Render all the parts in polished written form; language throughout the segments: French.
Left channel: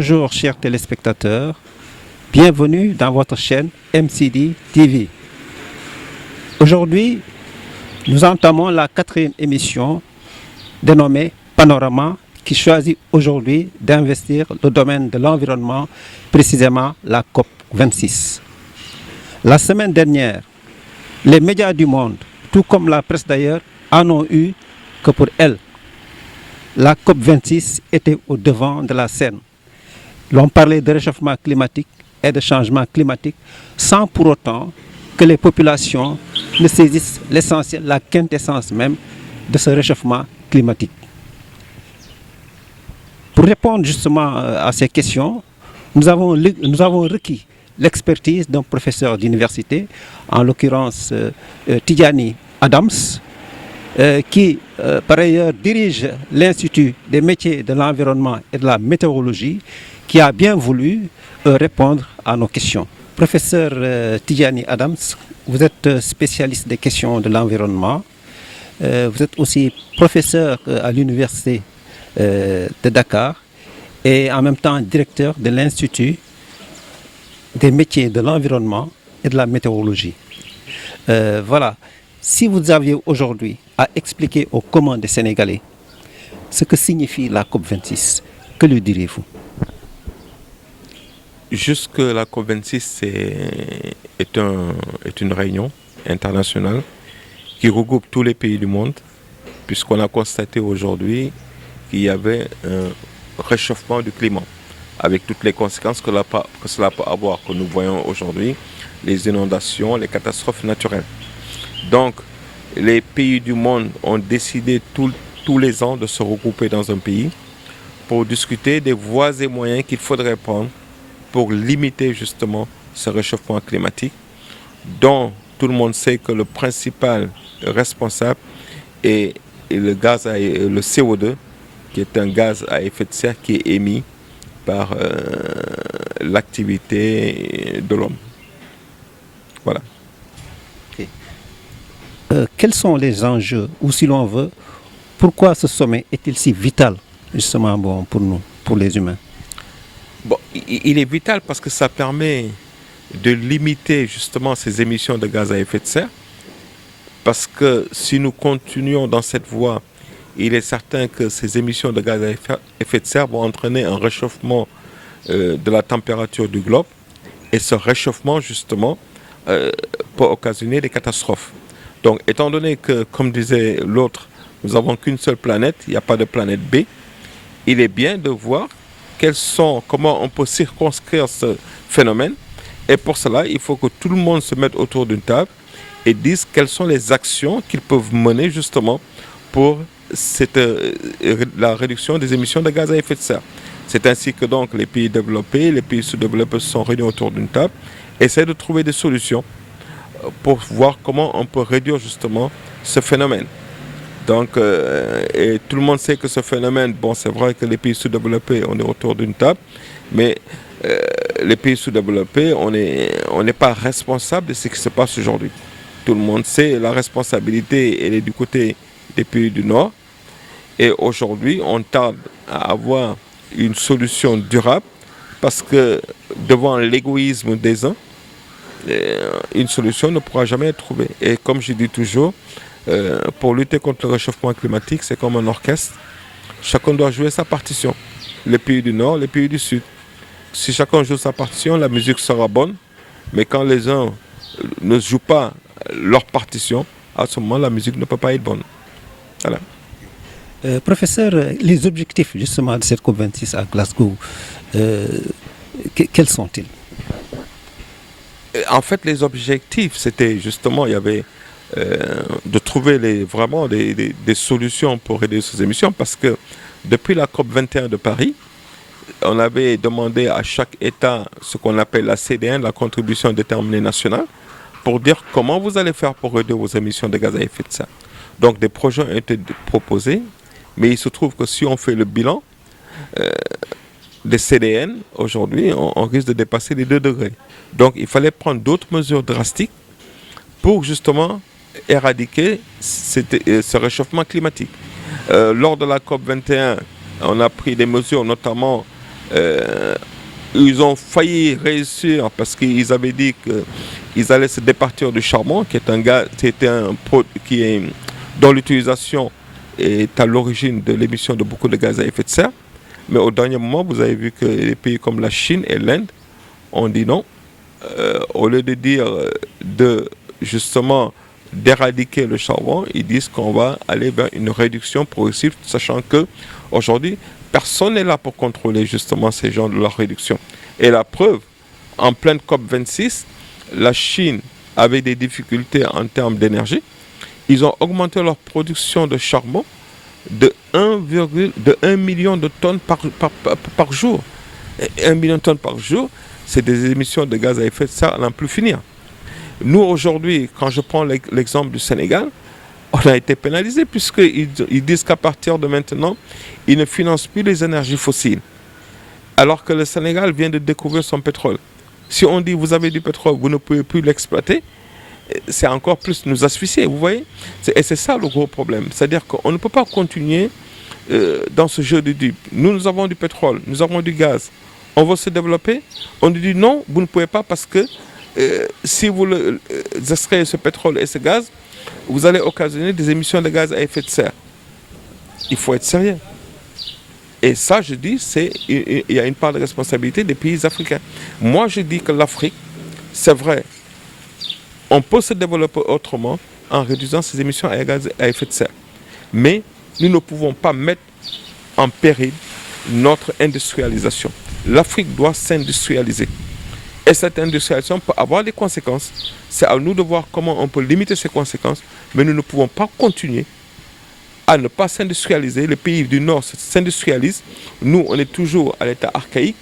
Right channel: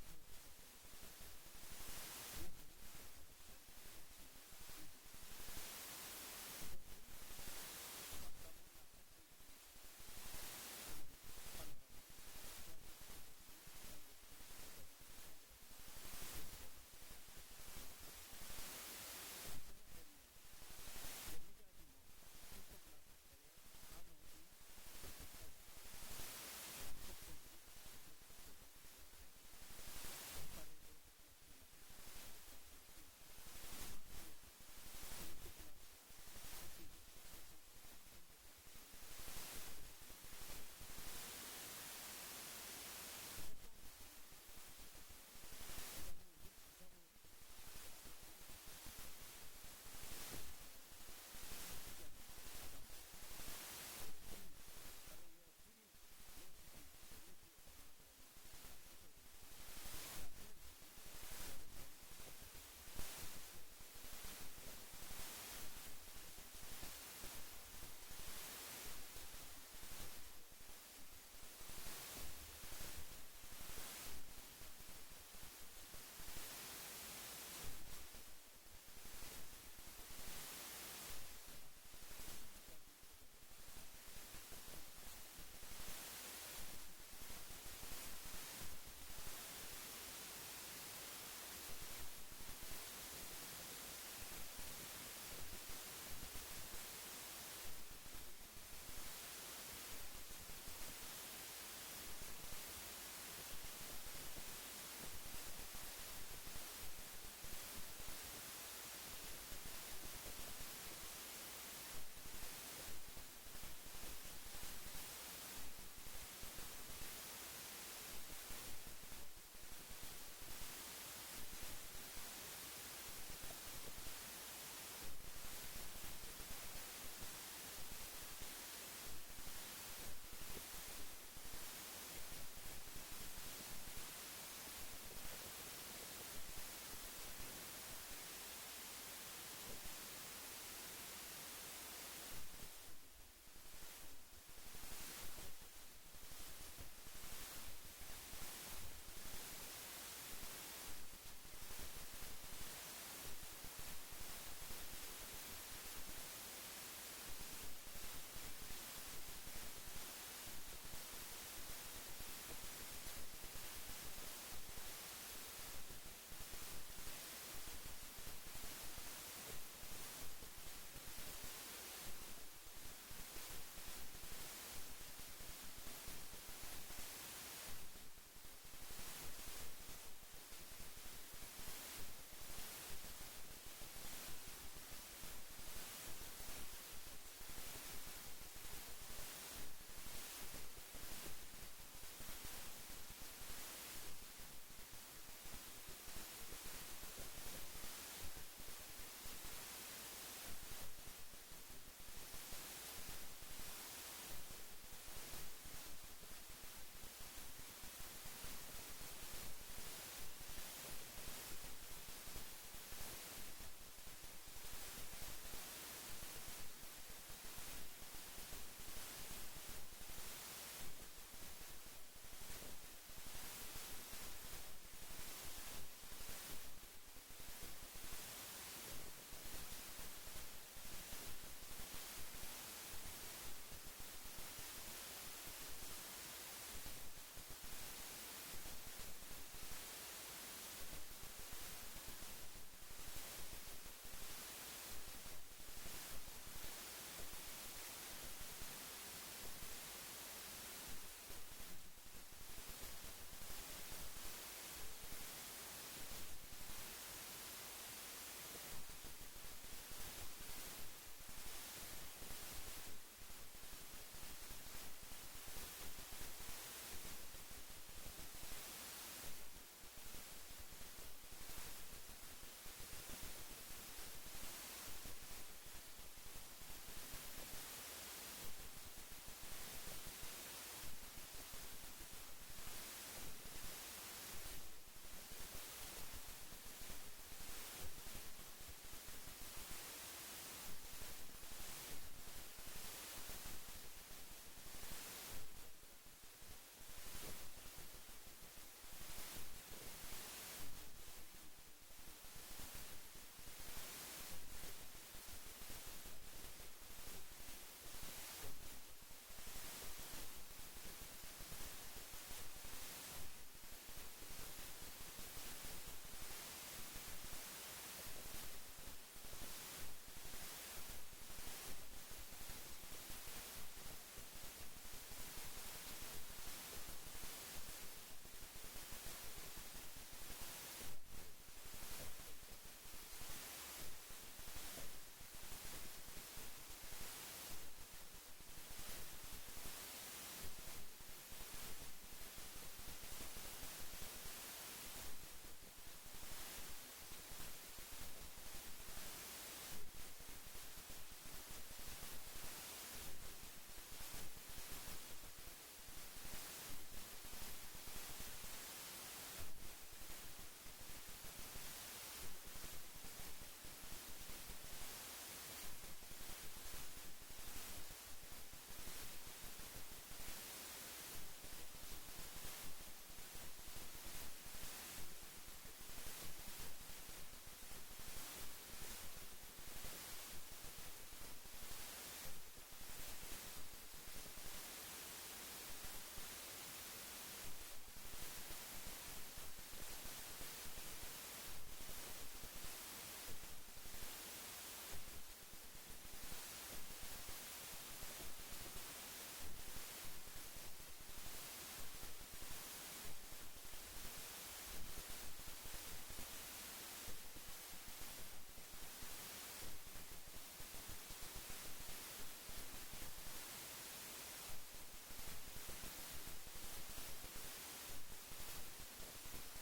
Bonjour chers téléspectateurs, bienvenue dans votre chaîne MCD TV. Aujourd'hui, nous entamons la 4e émission dénommée Panorama qui choisit aujourd'hui d'investir le domaine de l'environnement, précisément la COP 26. La semaine dernière, les médias du monde, tout comme la presse d'ailleurs, en ont eu que pour elle. La COP 26 était au devant de la scène. L'on parlait de réchauffement climatique et de changement climatique sans pour autant que les populations ne saisissent l'essentiel, la quintessence même de ce réchauffement climatique. Pour répondre justement à ces questions, nous avons requis l'expertise d'un professeur d'université, en l'occurrence Tidjani Adams, qui par ailleurs dirige l'Institut des métiers de l'environnement et de la météorologie, qui a bien voulu répondre à nos questions. Professeur Tidjani Adams, vous êtes spécialiste des questions de l'environnement. Vous êtes aussi professeur à l'Université de Dakar et en même temps directeur de l'Institut des métiers de l'environnement et de la météorologie. Voilà, si vous aviez aujourd'hui à expliquer aux communs des Sénégalais ce que signifie la COP26, que lui diriez-vous? Jusque la COP26 est une réunion internationale qui regroupe tous les pays du monde, puisqu'on a constaté aujourd'hui qu'il y avait un réchauffement du climat, avec toutes les conséquences que cela peut avoir, que nous voyons aujourd'hui, les inondations, les catastrophes naturelles. Donc, les pays du monde ont décidé tous les ans de se regrouper dans un pays pour discuter des voies et moyens qu'il faudrait prendre pour limiter justement ce réchauffement climatique, dont tout le monde sait que le principal responsable est le CO2, qui est un gaz à effet de serre qui est émis par l'activité de l'homme. Voilà. Okay. Quels sont les enjeux, ou si l'on veut, pourquoi ce sommet est-il si vital justement pour nous, pour les humains? Bon, il est vital parce que ça permet de limiter justement ces émissions de gaz à effet de serre. Parce que si nous continuons dans cette voie, il est certain que ces émissions de gaz à effet de serre vont entraîner un réchauffement de la température du globe. Et ce réchauffement, justement, peut occasionner des catastrophes. Donc, étant donné que, comme disait l'autre, nous n'avons qu'une seule planète, il n'y a pas de planète B, il est bien de voir comment on peut circonscrire ce phénomène. Et pour cela, il faut que tout le monde se mette autour d'une table et dise quelles sont les actions qu'ils peuvent mener justement pour la réduction des émissions de gaz à effet de serre. C'est ainsi que donc les pays développés, les pays sous-développés se sont réunis autour d'une table, essaient de trouver des solutions pour voir comment on peut réduire justement ce phénomène. Donc, et tout le monde sait que ce phénomène, bon, c'est vrai que les pays sous-développés, on est autour d'une table, mais les pays sous-développés, on n'est pas responsable de ce qui se passe aujourd'hui. Tout le monde sait, la responsabilité, elle est du côté des pays du Nord. Et aujourd'hui, on tarde à avoir une solution durable parce que devant l'égoïsme des uns, une solution ne pourra jamais être trouvée. Et comme je dis toujours, pour lutter contre le réchauffement climatique, c'est comme un orchestre. Chacun doit jouer sa partition. Les pays du Nord, les pays du Sud. Si chacun joue sa partition, la musique sera bonne. Mais quand les uns ne jouent pas leur partition, à ce moment, la musique ne peut pas être bonne. Voilà. Professeur, les objectifs justement de cette COP26 à Glasgow, quels sont-ils? En fait, les objectifs, c'était justement, il y avait de trouver vraiment des solutions pour réduire ces émissions, parce que depuis la COP21 de Paris, on avait demandé à chaque État ce qu'on appelle la CDN, la contribution déterminée nationale, pour dire comment vous allez faire pour réduire vos émissions de gaz à effet de serre. Donc des projets ont été proposés, mais il se trouve que si on fait le bilan des CDN, aujourd'hui, on risque de dépasser les 2 degrés. Donc il fallait prendre d'autres mesures drastiques pour justement éradiquer ce réchauffement climatique. Lors de la COP21, on a pris des mesures, notamment Ils ont failli réussir parce qu'ils avaient dit qu'ils allaient se départir du charbon, qui est un gaz, dont l'utilisation est à l'origine de l'émission de beaucoup de gaz à effet de serre. Mais au dernier moment, vous avez vu que les pays comme la Chine et l'Inde ont dit non. Au lieu de dire justement d'éradiquer le charbon, ils disent qu'on va aller vers une réduction progressive, sachant que aujourd'hui, personne n'est là pour contrôler justement ces gens de leur réduction. Et la preuve, en pleine COP26, la Chine avait des difficultés en termes d'énergie. Ils ont augmenté leur production de charbon de 1 million de tonnes par jour. Et 1 million de tonnes par jour, c'est des émissions de gaz à effet de serre à n'en plus finir. Nous, aujourd'hui, quand je prends l'exemple du Sénégal, on a été pénalisé puisqu'ils disent qu'à partir de maintenant, ils ne financent plus les énergies fossiles. Alors que le Sénégal vient de découvrir son pétrole. Si on dit vous avez du pétrole, vous ne pouvez plus l'exploiter, c'est encore plus nous asphyxier, vous voyez. Et c'est ça le gros problème. C'est-à-dire qu'on ne peut pas continuer dans ce jeu de dupes. Nous avons du pétrole, nous avons du gaz. On veut se développer. On nous dit non, vous ne pouvez pas parce que si vous extrayez ce pétrole et ce gaz, vous allez occasionner des émissions de gaz à effet de serre. Il faut être sérieux. Et ça, je dis, il y a une part de responsabilité des pays africains. Moi, je dis que l'Afrique, c'est vrai, on peut se développer autrement en réduisant ces émissions à gaz à effet de serre. Mais nous ne pouvons pas mettre en péril notre industrialisation. L'Afrique doit s'industrialiser. Et cette industrialisation peut avoir des conséquences. C'est à nous de voir comment on peut limiter ces conséquences, mais nous ne pouvons pas continuer à ne pas s'industrialiser. Les pays du Nord s'industrialisent. Nous, on est toujours à l'état archaïque.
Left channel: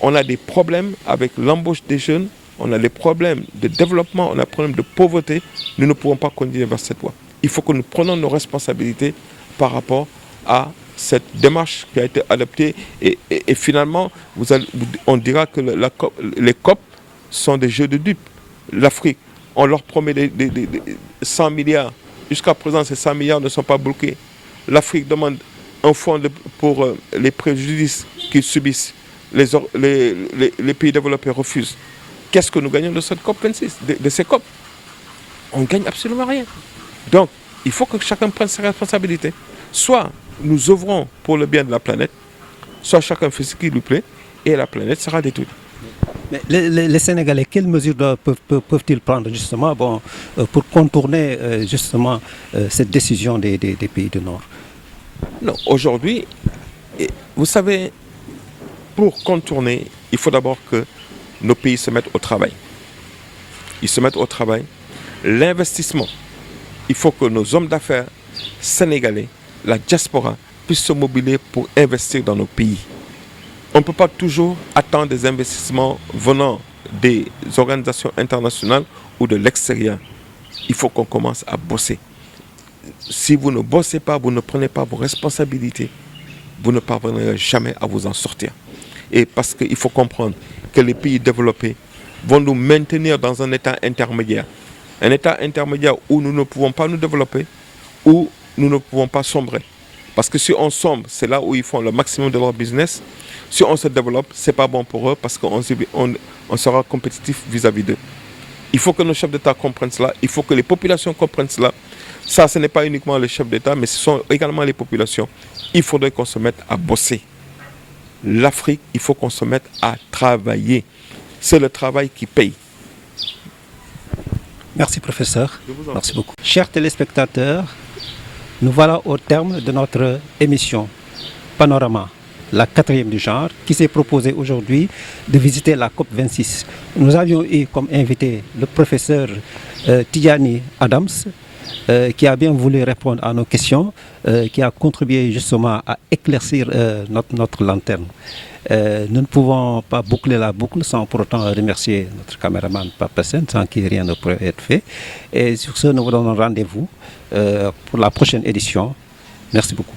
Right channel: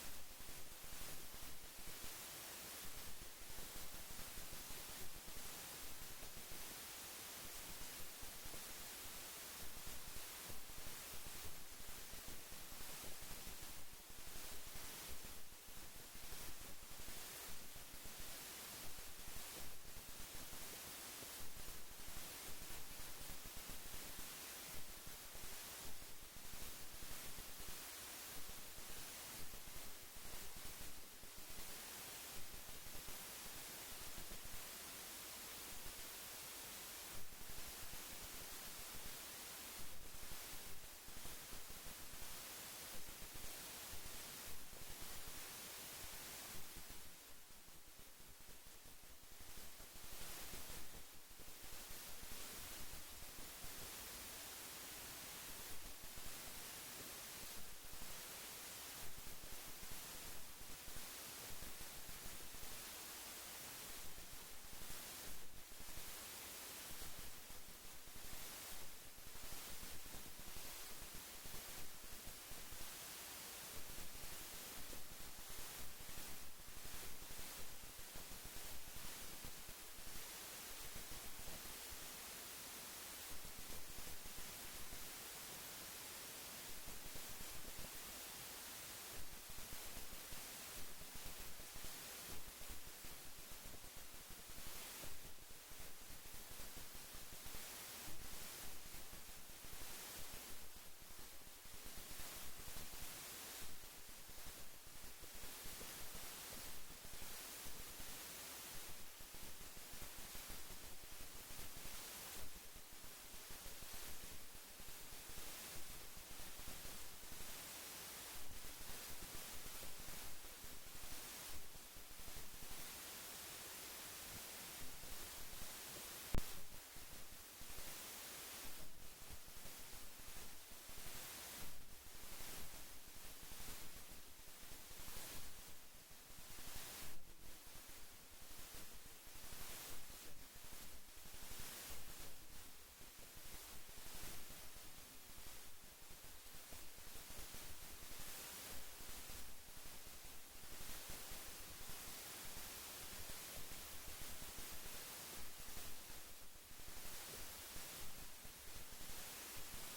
On a des problèmes avec l'embauche des jeunes. On a des problèmes de développement, on a des problèmes de pauvreté. Nous ne pouvons pas continuer vers cette voie. Il faut que nous prenions nos responsabilités par rapport à cette démarche qui a été adoptée. Et finalement, on dira que les COP sont des jeux de dupes. L'Afrique, on leur promet des 100 milliards. Jusqu'à présent, ces 100 milliards ne sont pas bloqués. L'Afrique demande un fonds pour les préjudices qu'ils subissent. Les pays développés refusent. Qu'est-ce que nous gagnons de cette COP26, de ces COP? On ne gagne absolument rien. Donc, il faut que chacun prenne ses responsabilités. Soit nous œuvrons pour le bien de la planète, soit chacun fait ce qui lui plaît et la planète sera détruite. Mais les Sénégalais, quelles mesures peuvent-ils prendre justement pour contourner justement cette décision des pays du Nord? Non, aujourd'hui, vous savez, pour contourner, il faut d'abord que nos pays se mettent au travail. Ils se mettent au travail. L'investissement, il faut que nos hommes d'affaires sénégalais, la diaspora, puissent se mobiliser pour investir dans nos pays. On ne peut pas toujours attendre des investissements venant des organisations internationales ou de l'extérieur. Il faut qu'on commence à bosser. Si vous ne bossez pas, vous ne prenez pas vos responsabilités, vous ne parviendrez jamais à vous en sortir. Et parce qu'il faut comprendre que les pays développés vont nous maintenir dans un état intermédiaire. Un état intermédiaire où nous ne pouvons pas nous développer, où nous ne pouvons pas sombrer. Parce que si on sombre, c'est là où ils font le maximum de leur business. Si on se développe, ce n'est pas bon pour eux parce qu'on sera compétitif vis-à-vis d'eux. Il faut que nos chefs d'État comprennent cela. Il faut que les populations comprennent cela. Ça, ce n'est pas uniquement les chefs d'État, mais ce sont également les populations. Il faudrait qu'on se mette à bosser. L'Afrique, il faut qu'on se mette à travailler. C'est le travail qui paye. Merci professeur. Merci beaucoup. Chers téléspectateurs, nous voilà au terme de notre émission Panorama, la 4e du genre, qui s'est proposée aujourd'hui de visiter la COP26. Nous avions eu comme invité le professeur Tidjani Adams, qui a bien voulu répondre à nos questions, qui a contribué justement à éclaircir notre lanterne. Nous ne pouvons pas boucler la boucle sans pour autant remercier notre caméraman Papa Sen, sans qui rien ne pourrait être fait. Et sur ce, nous vous donnons rendez-vous pour la prochaine édition. Merci beaucoup.